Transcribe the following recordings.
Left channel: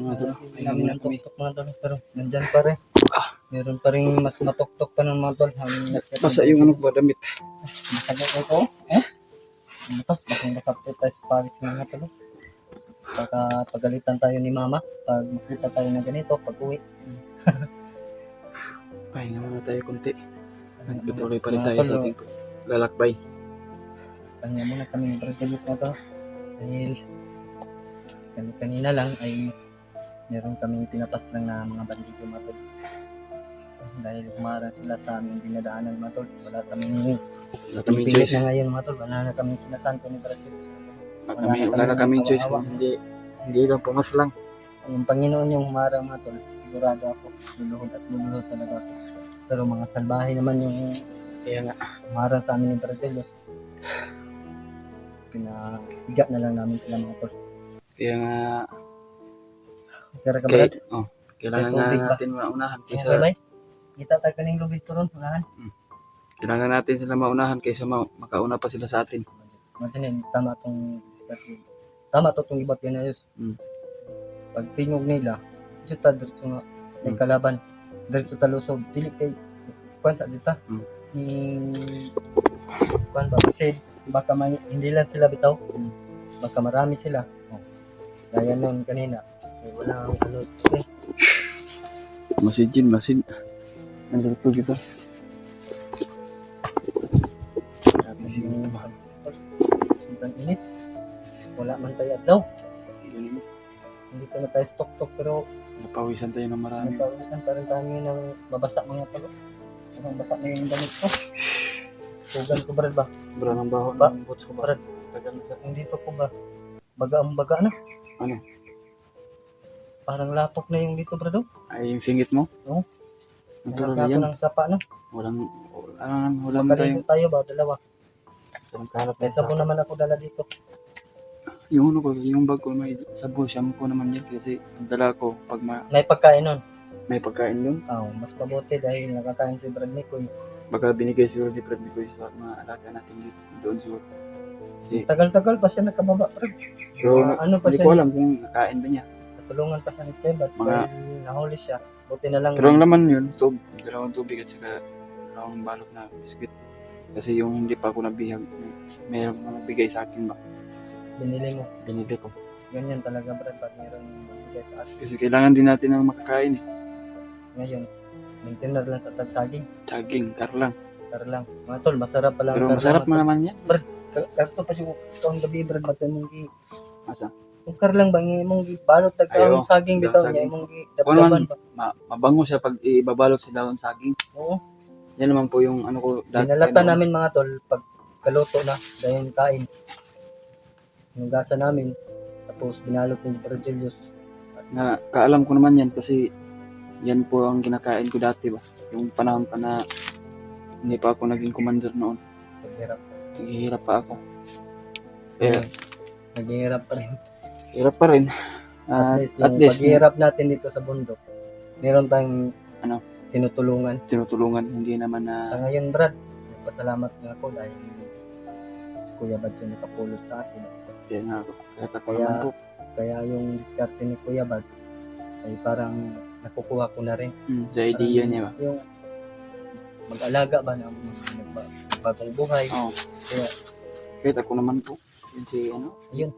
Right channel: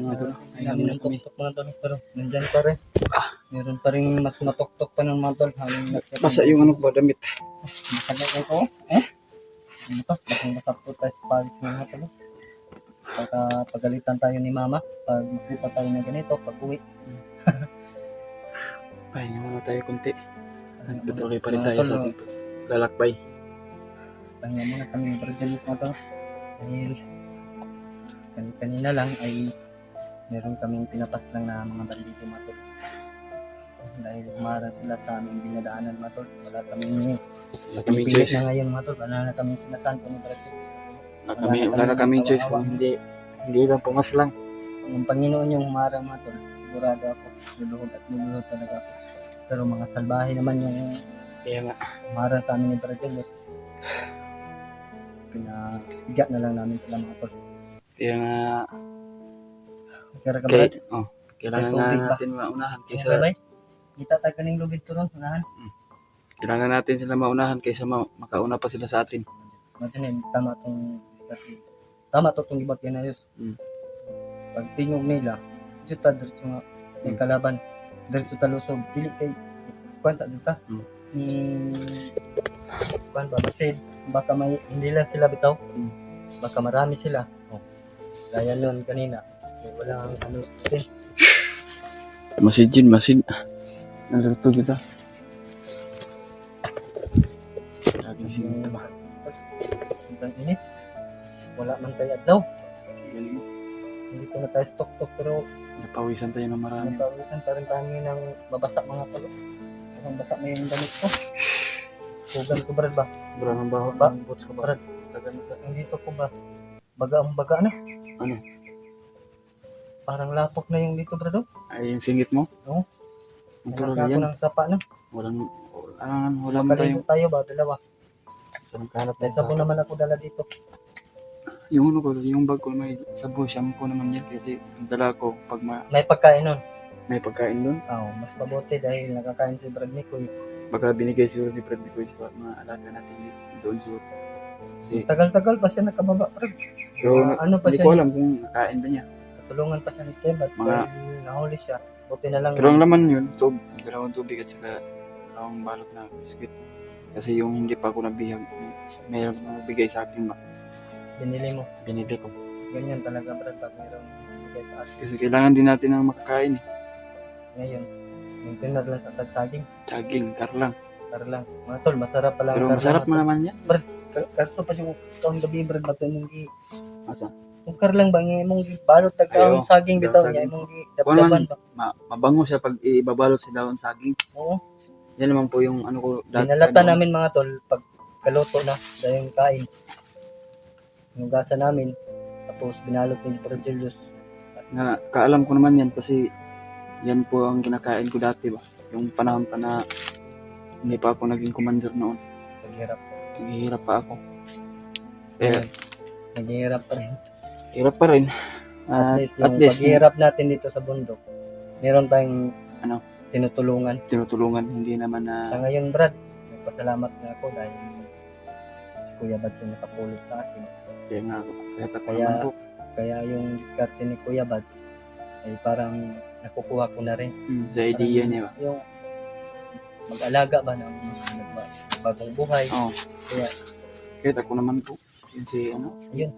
Ayun mga tol. Pahinga Namin muna ng kami. tuktok mga tol, pero nandyan pa rin. Meron pa rin mas matuktok pa ng mga tol. Basa yung ano ba damit. Masakit ito. Ano to? Basang-basa po tayo sa pawis ng mga tol. Pagalitan tayo ni mama. Pag makita tayo na ganito, pag uwi. Pahinga muna tayo kunti. Patuloy pa rin Mga tayo tol, sa ating lalakbay. pahinga muna kami ng Brazilian mga tol. Dahil kanina lang ay meron kaming tinatas lang na mga bandito mga tol. Dahil humarang sila sa aming dinadaanan mga tol. Wala kaming choice. na ngayon mga tol. Wala na kaming sinasanto ni Brazil. Wala na kaming choice kung hindi lang pumas lang. Ang Panginoon yung humarang mga tol. Sigurado ako. Luluhod talaga ako. Pero mga salbahe naman yung Kaya nga. humarang sa amin ni Brazil. Pinahiga na lang namin sila mga tol. Kaya nga. Pero kabalat, Kailangan nga natin maunahan kaysa kita tagaling lubid to ron. kailangan natin sila maunahan kaysa makauna pa sila sa atin. Tama to itong ibat yan na yun. Pag tingog nila, dito diretso nga may kalaban. Diretso talusog. Dili kay kwanta dito. Ni kwan ba kasi baka hindi lang sila bitaw. Baka marami sila. Gaya nun kanina. Walang ano eh. Masin. Naluluto kita. Sobrang init. Wala man tayo adlaw. Hindi ko na tayo stok pero napawisan tayo ng marami. Napawisan pa rin kami ng babasa mga talo. Ang basa na yung damit ko. Sugan ko brad ba? Brad ang baho ng boots ko ba? Brad, hindi to ko ba? Baga na. Ano? Parang lapok na yung dito brad. Ay yung singit mo? Oo. Natural Nagkako yan. ng sapa na. Wala mo tayong. Tayo ba? Dalawa. Kahanap May sabon naman ako dala dito. Yung bag ko may sabon, shampoo naman yan kasi ang dala ko pag may pagkain nun. May pagkain doon. Mas mabuti dahil nakakain si Brad Nicoy. Baka binigay siguro ni Brad Nicoy sa mga alaga natin doon siguro. Tagal-tagal pa siya nakababa Brad. So, ano pa hindi siya? ko alam kung nakain ba niya. Natulungan pa siya ni Tebat. Nahuli siya. Buti na lang. Pero ang laman yun, dalawang tubig at saka dalawang balot na biscuit. Kasi yung hindi pa ako nabihag, mayroong nagbigay sa akin ba? Binili ko. Ganyan talaga Brad, pag mayroong nagbigay sa akin. Kasi kailangan din natin ng makakain eh. Ngayon, maintainer lang sa tagsaging. Kar lang. Mga tol, masarap pala. Pero masarap mo naman yan. Brad, kasto pa siya taong gabi Brad, bato mong asa? Kung kar lang ba, mong balot tagkaong saging bitaw niya, mong daban ba? Mabango siya pag ibabalot sa daon saging. Oo. Yan naman po yung ano ko dati. Binalatan namin mga tol, pag kaluto na, dahil kain. Hinugasan namin, tapos binalot ni Brad Julius. Kaalam ko naman yan kasi yan po ang kinakain ko dati ba. Yung panahon pa na hindi pa ako naging commander noon. Naghihirap pa ako. Kaya naghihirap pa rin. Hirap pa rin. At least paghihirap natin dito sa bundok, meron tayong tinutulungan. Hindi naman na... Sa ngayon Brad, nagpasalamat nga ako dahil si Kuya Bad yung nakapulot sa akin. Kaya yung diskarte ni Kuya Bad ay parang nakukuha ko na rin. Sa idea niya ba? Yung mag-alaga ba ng mga bagong buhay. Kaya kahit ako naman po. Yun si Ayun.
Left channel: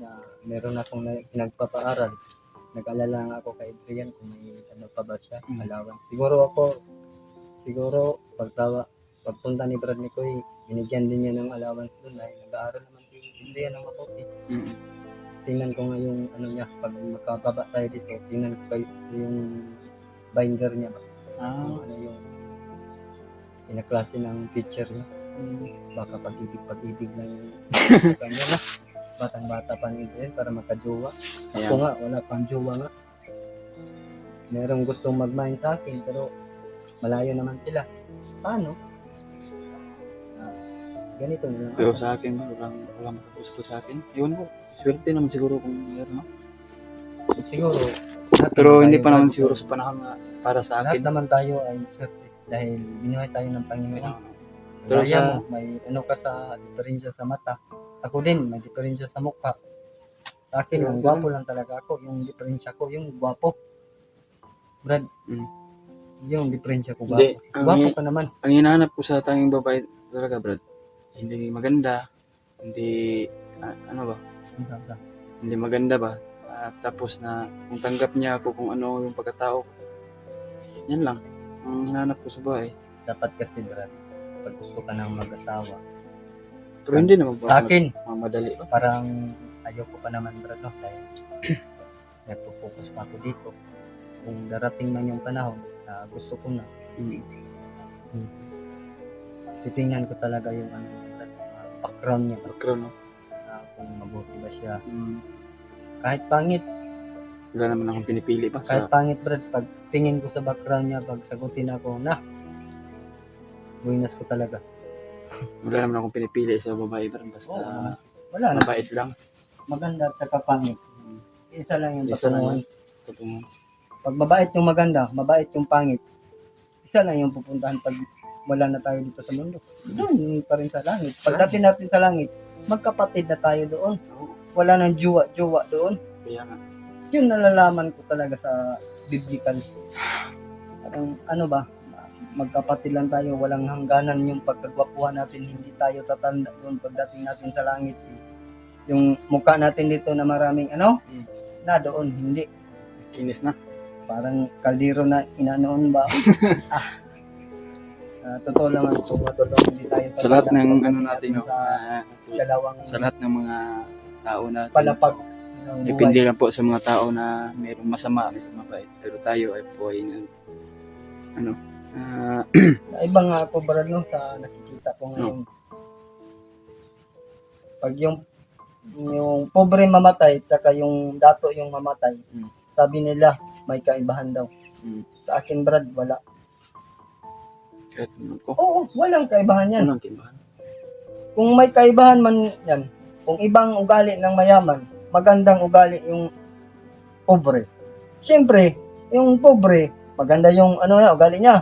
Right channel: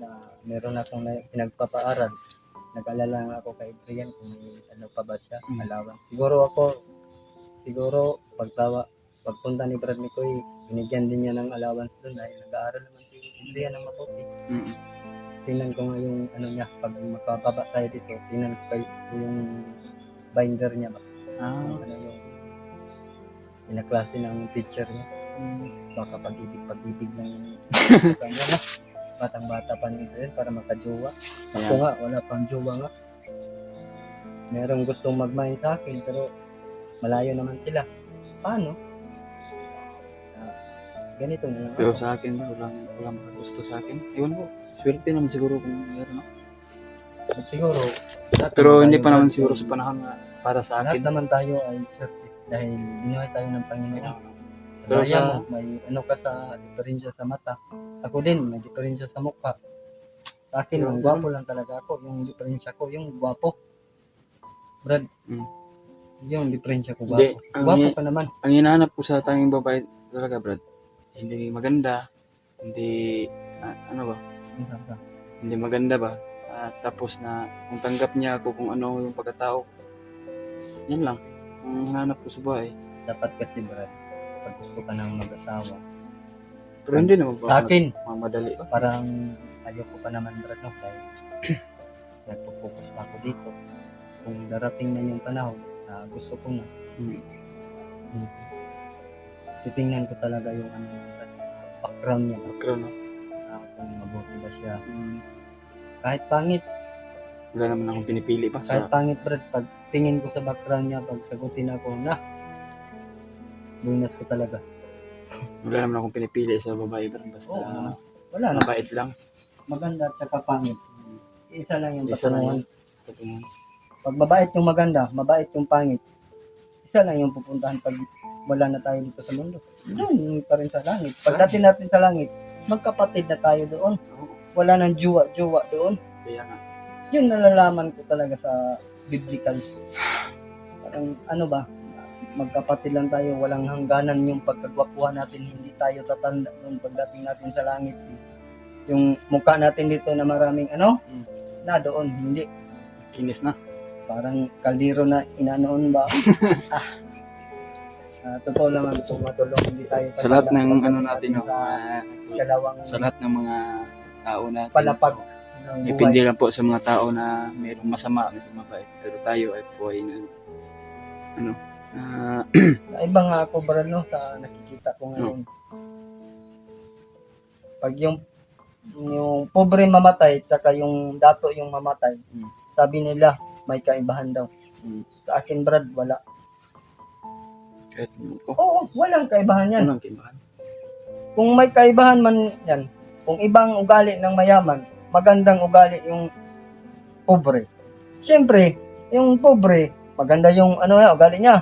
Na meron akong pinagpapaaral. Nag-alala nga ako kay Adrian kung may pa ba siya, allowance. Siguro pagpunta ni Brad Nicoy, binigyan din niya ng allowance doon dahil nag-aaral naman si Adrian ng mabuti. Tingnan ko nga yung niya, pag makababa tayo dito, tingnan ko yung binder niya ba? Yung pinaklase ng teacher niya. Baka pag-ibig lang yung kanya na. Batang-bata pa ni Adrian para makajowa. Ako nga, wala pang jowa nga. Merong gustong mag-mind sa akin pero malayo naman sila. Paano? Ganito na lang. Pero sa akin ba, walang makagusto sa akin. Iwan ko, swerte naman siguro kung meron. Siguro. Pero hindi pa naman siguro sa panahon na para sa akin. Lahat naman tayo ay swerte dahil binuhay tayo ng Panginoon. Pero may ka sa diferensya sa mata. Ako din, may diferensya sa mukha. Sa akin, ang gwapo lang talaga ako. Yung diferensya ko, yung gwapo. Brad, Mm. yung diferensya ko, Hindi, gwapo. ang Gwapo hi- ka naman. Ang hinahanap ko sa tanging babae talaga, Brad, hindi maganda, hindi, ano ba, hindi maganda ba? At tapos na kung tanggap niya ako kung ano yung pagkatao ko. Yan lang. Ang hinahanap ko sa babae. Dapat kasi, Brad, pag gusto ka ng mag-asawa, Pero hindi naman po sa akin, mamadali ba? parang ayoko pa naman, Brad, no? Dahil nagpo-focus pa ako dito. Kung darating man yung panahon na gusto ko na, Mm. titingnan ko talaga yung ano, Brad, background niya. Background, no? Kung mabuti ba siya. Mm. Kahit pangit, Wala naman akong pinipili ba kahit sa... pangit, Brad, pag tingin ko sa background niya, pag sagutin ako na, buinas ko talaga. Wala naman akong pinipili sa babae, Brad. Basta Oo, wala na. mabait lang. Maganda at saka pangit. Isa lang yung Isa lang patunguhan. yun. Patungan. Pag mabait yung maganda, mabait yung pangit, isa lang yung pupuntahan pag wala na tayo dito sa mundo. Doon pa rin sa langit. Pagdating natin sa langit, magkapatid na tayo doon. Oo. Wala nang jowa doon. Kaya nga. Yun nalalaman ko talaga sa biblical. Parang ano ba, magkapatid lang tayo, walang hangganan yung pagkagwapuhan natin, hindi tayo tatanda doon pagdating natin sa langit. Yung mukha natin dito na maraming ano, na doon, hindi. Kinis na. Parang kaldero na inanoon ba? Totoo naman kung matulong, hindi tayo Sa lahat tatanda ng pagdating ano natin, no? sa dalawang Sa lahat ng mga tao natin. palapag no, ng depende buhay. lang po sa mga tao na mayroong masama, mayroong mabait. Pero tayo ay po ay ano, Iba nga ako, brad, no, sa nakikita ko ngayon. Pag yung pobre mamatay, tsaka yung dato yung mamatay, sabi nila, may kaibahan daw. Sa akin, brad, wala. kahit naman ko. Oo, walang kaibahan yan. Walang kibahan. Kung may kaibahan man yan, kung ibang ugali ng mayaman, magandang ugali yung pobre. Siyempre, yung pobre, maganda yung ano ugali niya.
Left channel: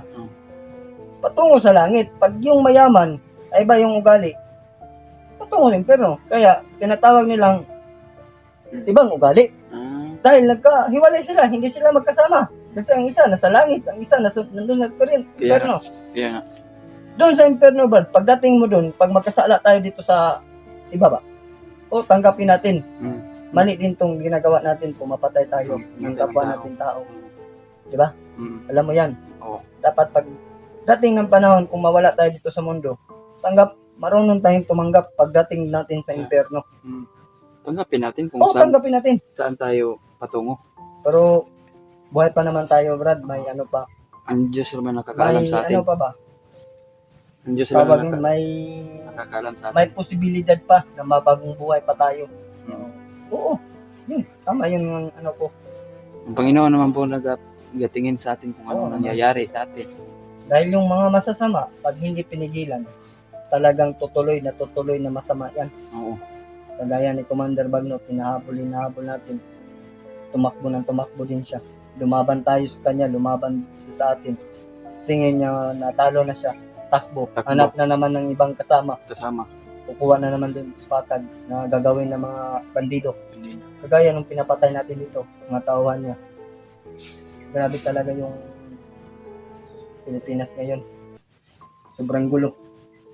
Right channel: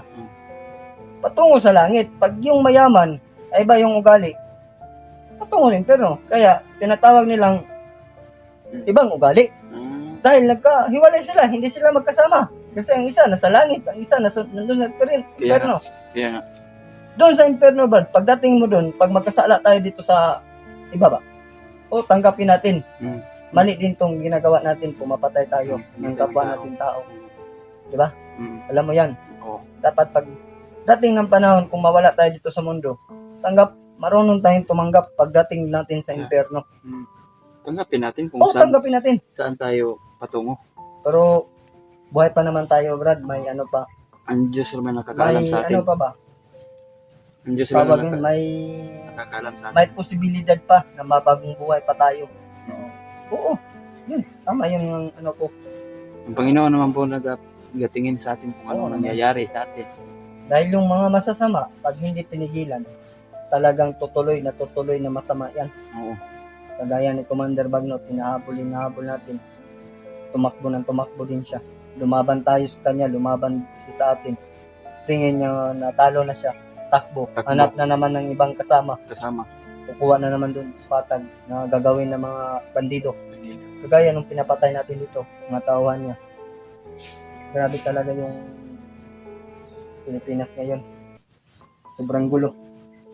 Patungo sa langit. Pag yung mayaman, ay iba yung ugali, patungo rin pero kaya tinatawag nilang ibang ugali. Dahil nagkahiwalay sila, hindi sila magkasama. Kasi ang isa nasa langit, ang isa nandun sa imperno. Kaya nga. Doon sa imperno, Brad, pagdating mo doon, pag magkasala tayo dito sa ibaba, tanggapin natin. Mali din tong ginagawa natin, pumapatay tayo ng kapwa natin tao. Di ba? Alam mo yan. Oo. Dapat pag dating ng panahon, kung mawala tayo dito sa mundo, marunong tayong tumanggap pagdating natin sa imperno. Tanggapin natin kung Tanggapin natin. Saan tayo patungo. Pero buhay pa naman tayo, Brad, may ano pa. Ang Diyos naman nakakaalam May sa atin. ano pa ba? Ang Diyos naman Tawagin, may nakakaalam sa atin. may posibilidad pa na mabagong buhay pa tayo. Oo. Yun, tama yun ang ano ko. Ang Panginoon naman po nagatingin sa atin kung ano Oo, nangyayari sa atin. Dahil yung mga masasama, pag hindi pinigilan, talagang tutuloy na masama yan. Oo. Kagaya ni Commander Bagnot, hinahabol natin. Tumakbo din siya. Lumaban tayo sa kanya, lumaban siya sa atin. Tingin niya natalo na siya. Takbo. Hanap na naman ng ibang kasama. Kukuha na naman doon sa patag na gagawin ng mga bandido. Kagaya nung pinapatay natin dito, mga tauhan niya. Grabe talaga yung Pilipinas ngayon. Sobrang gulo.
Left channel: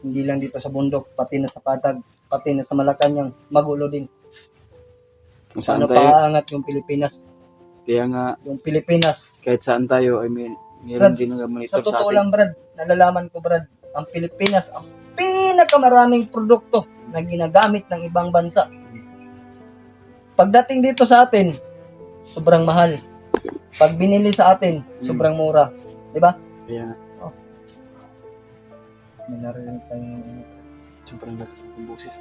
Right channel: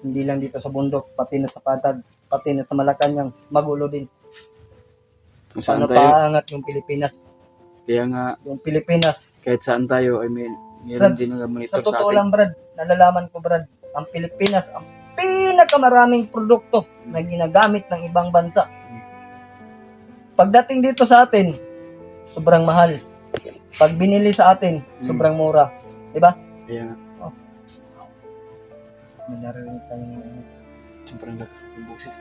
Hindi lang dito sa bundok, pati na sa patag, pati na sa Malacanang, magulo din. Paano paangat yung Pilipinas? Kaya nga, yung Pilipinas, kahit saan tayo, ay meron din nag-monitor sa atin. Sa totoo lang, Brad, nalalaman ko, Brad, ang Pilipinas, ang pinakamaraming produkto na ginagamit ng ibang bansa. Pagdating dito sa atin, sobrang mahal. Pag binili sa atin, sobrang mura. Diba? Kaya nga. May narinig tayong sobrang lakas ng boses.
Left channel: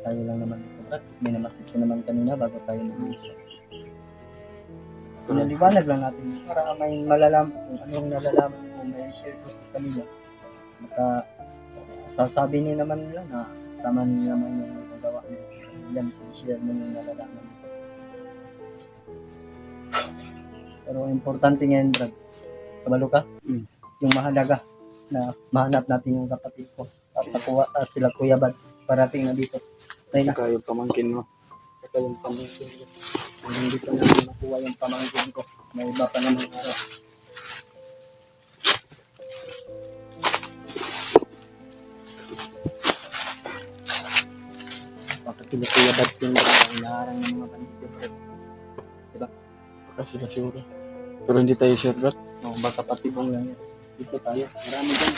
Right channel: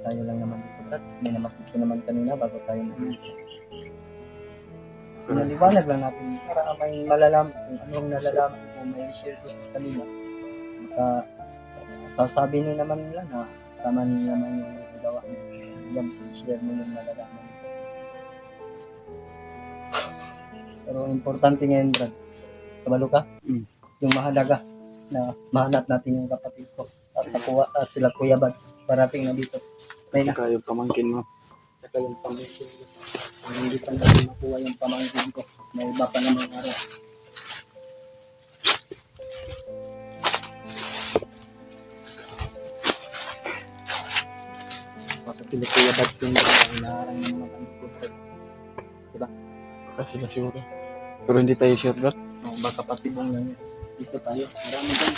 Tayo lang naman dito, Brad. May namasik naman kanina bago tayo nag-uusap. Pinaliwanag lang natin para may malalaman kung anong nalalaman ko, may share ko sa kanila. Maka sasabi nyo naman nila na tama nyo naman yung nagawa nyo. Yan, share mo yung nalalaman nyo. Pero importante ngayon, Brad. Kabalo ka? Yung mahalaga na mahanap natin yung kapatid ko at sila Kuya Bads parating na dito. At saka yung pamangkin mo. saka yung pamangkin ko. Kung hindi pa natin makuha yung pamangkin ko, may iba pa namang araw. Bakit Kuya Bad yung inaharang ng mga bandit ko, Brad? Baka sila siguro. Pero hindi tayo sure, bro. No, baka patibong lang yan. Dito tayo, marami dyan.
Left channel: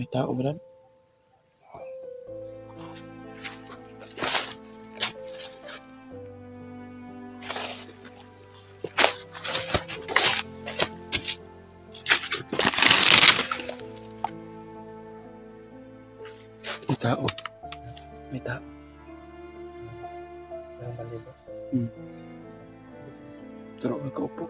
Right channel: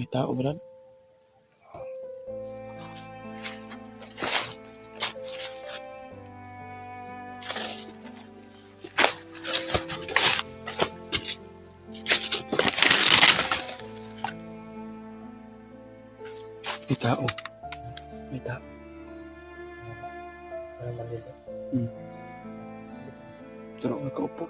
May tao, bro. May tao. May tao. Ano ba dito? Turo ka kaupo.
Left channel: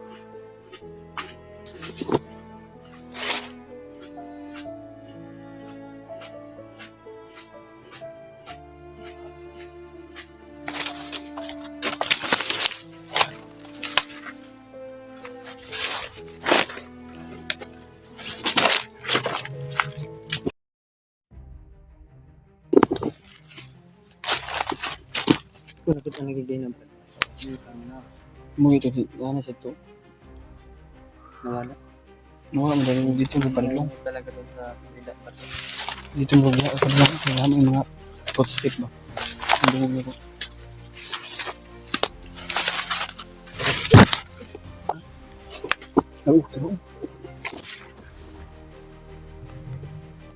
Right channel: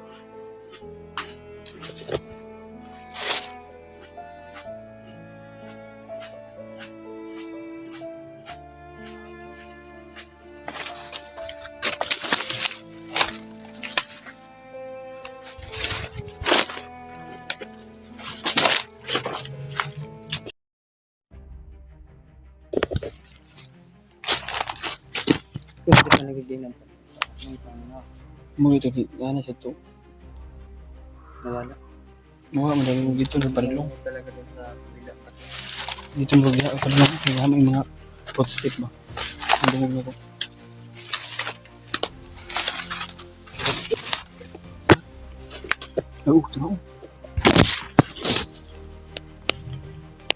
Kung hindi pa nagiginom pa. Hindi pa na Mo ito, gana sa ito. nawala. Nawa mo dahil dito sa padulong. Ano talaga doon sa kabila. Dito mo sa padulong. Kaya may mga footstep ba. Ang dungog ako. Turo.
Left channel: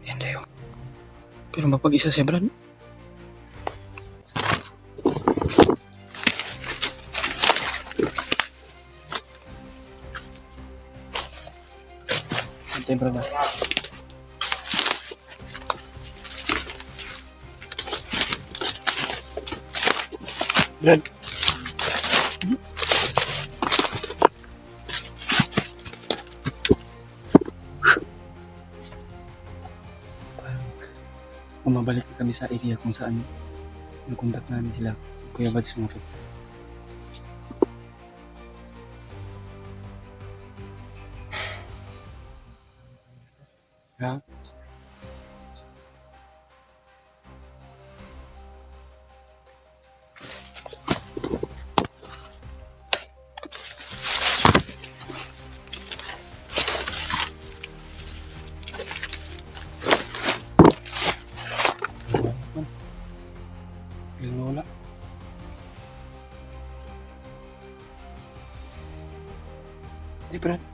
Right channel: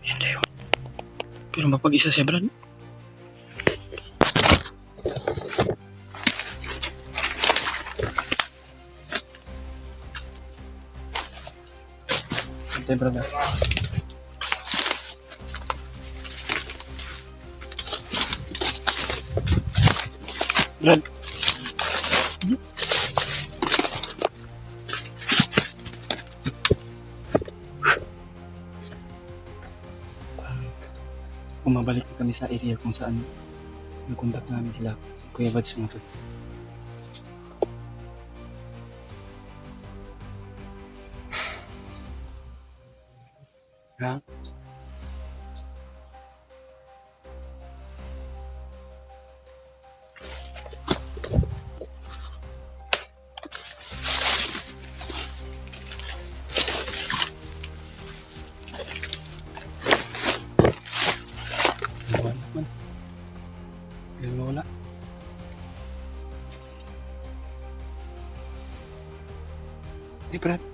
Yan tayo. Pero mapag-isa siya, Brad. Antay, Brad. Brad. Umabalik na kami sa area kung saan nag-contact namin sila. Kuya Bads nga to. Ha? Wala man. Biglang nawala. Brad.